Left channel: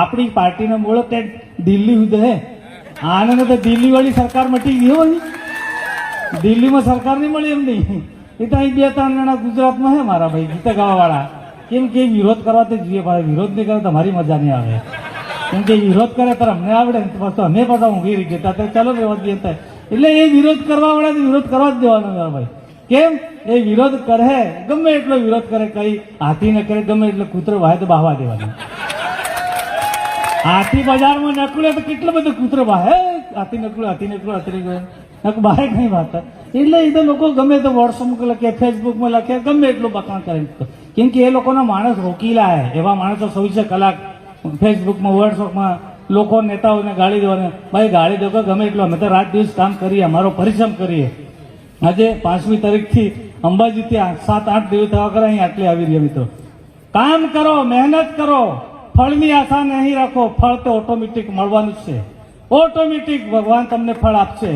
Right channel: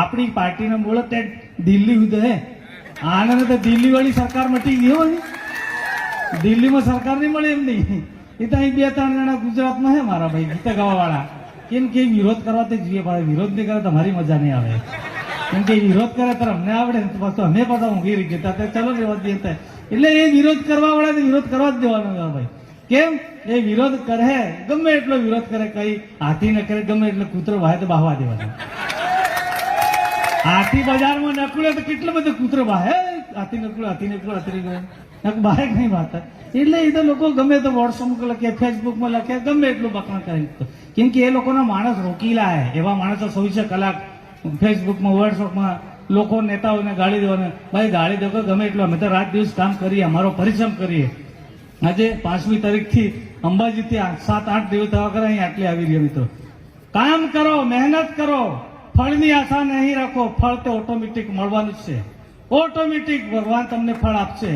આપણી પાર્ટીને બોલો તે દિલ્હી સુધી હે આને તો દિલ્હી વાળી સરકાર મટી ગઈ હો દિલ્હીમાં સરકાર નહીં મળી એમ નહીં એ તો અહીં 2-3 જણા ગુજરાતમાં હે મારા ભાઈ ગીત ગાવા વાળા કેમ કે વિરોધ કરવા તો જોઈએ ભાઈ વિરોધ નહીં કરે તો મારી મજા નહીં આવે કેમ કે વિરોધ કરે તો અમને આવડે ને તો અમે પાછા ઊંઘી રહી ગયા ચાલો રેવા દઈએ એટલે એ વિરોધ કરવા વાળા વિરોધ કરવા જ દેવાનો ભાઈ કેમ એ વિરોધ કરે ગમે એટલો વિરોધ કરે કઈ હાથી ન કરે ગમે એટલે કૂતરો વાહે તો બાહવા દેવાનો હાથી બજારમાં નકળે તો કેટલો બધો કૂતરો વાહે હાથી નકળો બહાર નહીં વાત એટલે એ તો લોકો ગમે તો વોટ્સઅપમાં લખે ફેસબુકમાં લખે ગમે એટલું બખાણ કરે કેમ કે એ લોકોના માણસ રોકીલા હે એવા માણસો 24 કલાક ફેસબુકમાં વોટ્સઅપમાં લોકો નેતાઓને ગાળી દેવાને ભાઈ ગાળી દો ગમે એટલો અમે તો રાત દિવસ કામ કરીએ અમારો પરિશ્રમ કરીએ આજે 5મી તારીખથી અંબાજીથી 7-8 દિવસ થવા કરે અહીં આટલી આવી રહ્યા મિત્રો કામ કરો મહેનત કરો ફળની આશા નહીં રાખો ફળ તે ઓટોમેટિક મળવાનું જ છે ઓટોમેટિક ભગવાન તમને ફળ આપશે